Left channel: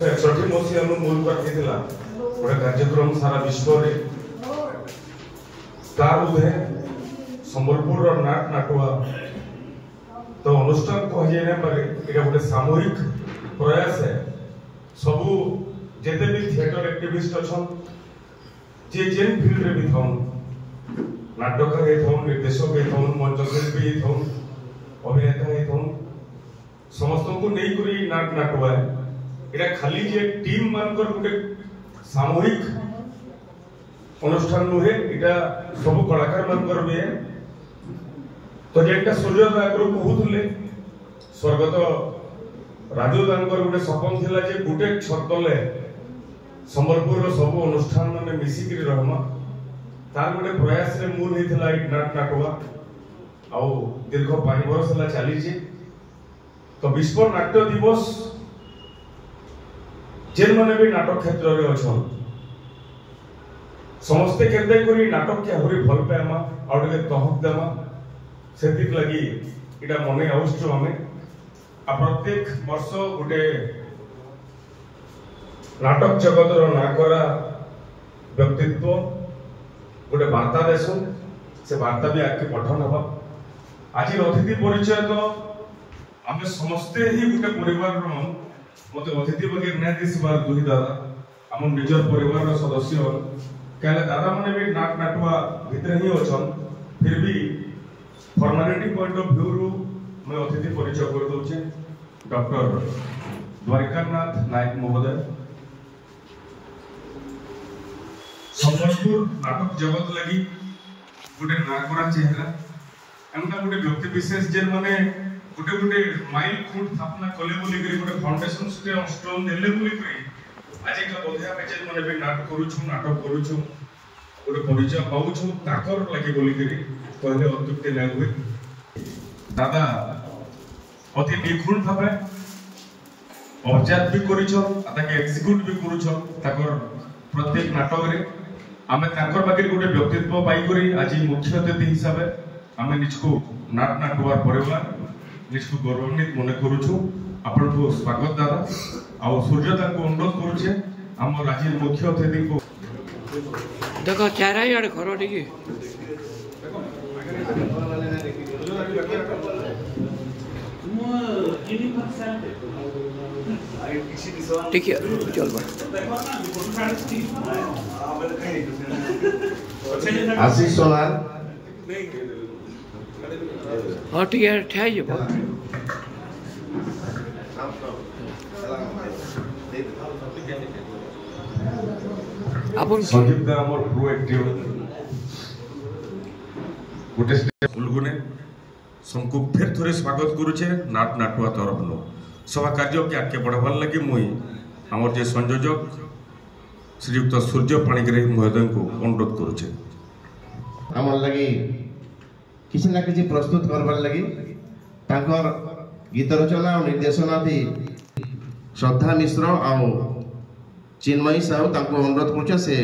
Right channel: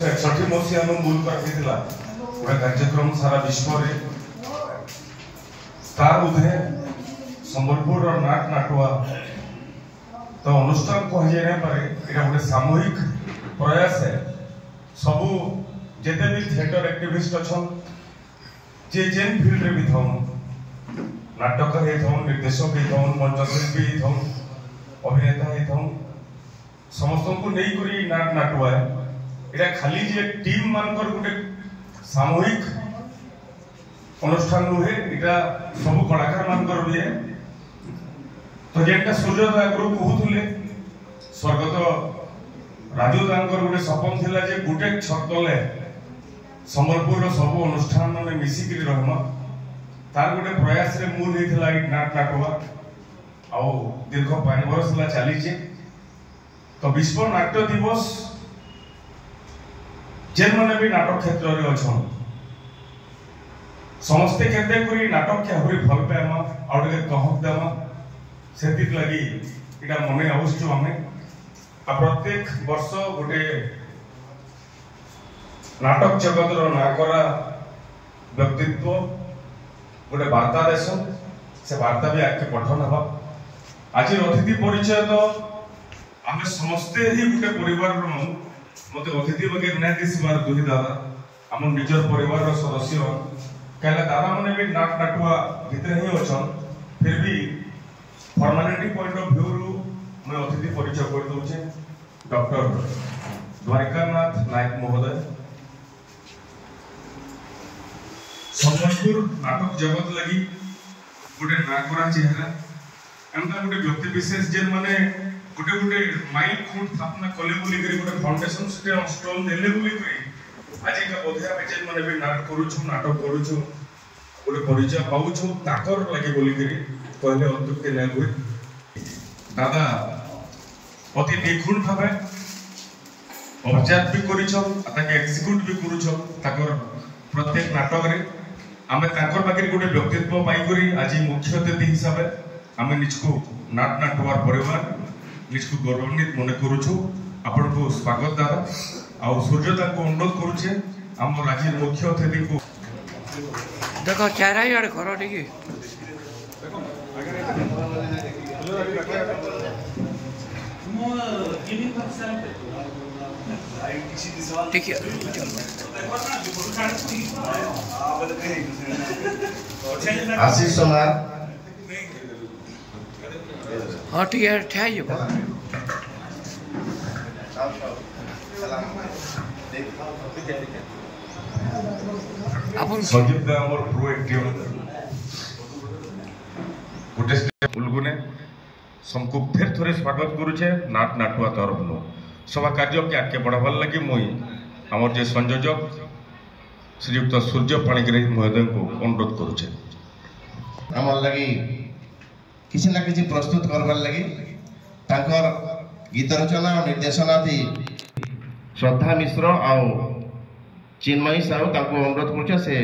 61 मसीहा मूल पाठिला गोटे कार्यक्रम सारा विश्व तार उधे संबलपुर नाट नाटुआ तो अनुष्ठान कह पारे ये गोटे सामूहिक प्रयास है। सबू जिते भी थिएटर एक्टिविस्ट अच्छा जे जेन फील्ड रे भी था नाटक निर्देशक मंचशिल्पी अभिनेता समस्त को नहीं नाट नाटुआ एटा खाली जे टीम मानकर गोटे सामूहिक अनुष्ठान नुहे इटा सब कलाकार मानकर भी है। तो जेटा सूर्योदय आगु कहूले स्वर्गत राजू दांकर गोटे सपन थिला जे गोटे छत तले संबलपुर सब अनुष्ठान में मिसिक रहमा तार गोटे प्रयास रे मूल हेतिला नाट नाटुआ आउ दीर्घ 5 वर्ष ला चली जे। तो विश्व नाट्य दिवस जेन माने भी नाटक क्षेत्र रे अछन समस्ते केते करी नाटक के होई भल पाएमा और के कहक देमा सेति लागि इटा मने आवश्यक हमें आ प्रत्येक वर्ष गुटे नाटक जगत रो नाकरा व्यक्तित्व गुटे वार्ता देसो से वार्ता भी आके पठन हबा। आज अतिथि परिचय तो आमे समस्ते ही गुटे परिवार रो मते अतिथि बगे नै दिसबार दुहि दादा हम निजर परिवार रो सदस्य कहला दादा मने भी नाट नाटुआ भीतर ही अछन फिर भी फॉर्मेलिटी पॉइंट ऑफ व्यू रो मैं अतिथि परिचय कर दउ छे डॉक्टर द्वारिकानाथ नायक महोदय संबलपुर नाटक जगत लगी गुटे नागरा चेहरा एंता गुटे व्यक्ति विशेष जेन माने गुटे गुटे माइल खूंट स्थापना कले बोली करी गुटे फाउंडेशन स्टोन देले बोली करी आज का बोधिया बेचेन माने भी नाटक करूछु गुटे परिचय पाउछु ताकर लगे बोली करी कहले अतुक्ति नै हुए। दादा अति निखुण भाबे ऑब्जर्व भी करिछो ताके एक्जीक्यूट भी करूछो ताकर प्रत्येक नाटक रे आमे ताकर बाकी गुटे व्यक्तित्व पाई करी आज मुख्य अतिथि हिसाब रे आमे निजको नाट नाटुआर परिवार निजको गौरवान्वित मन करूछु। आपण को स्वागत दादा आ सूर्यता को अनुरोध करूछे हम राज्य मुख्य अतिथि को देखो चारा यार करो ठीक ठीक है चल आशीष सोनार हाँ ठीक है ठहर जा अपन संदीप दा हमर प्रो एक्टिव गुटे उलगुने समको फिर थोड़े स्वागत करूछे नाट नाटुआ तरफ नो सभा कार्य के आगे बढ़ावार लगी मुई हमर जे संयोजक श्रीयुक्त सूर्य पाणिग्राही महोदय को अनुरोध करूछे हमर लगी किसी ना किसी प्रस्तुत करबार लगी तांकर गीत रचना और निर्देशना थी श्रद्धा मिश्र आ चिन्मयी साहू तांको अनुरोध करूछे से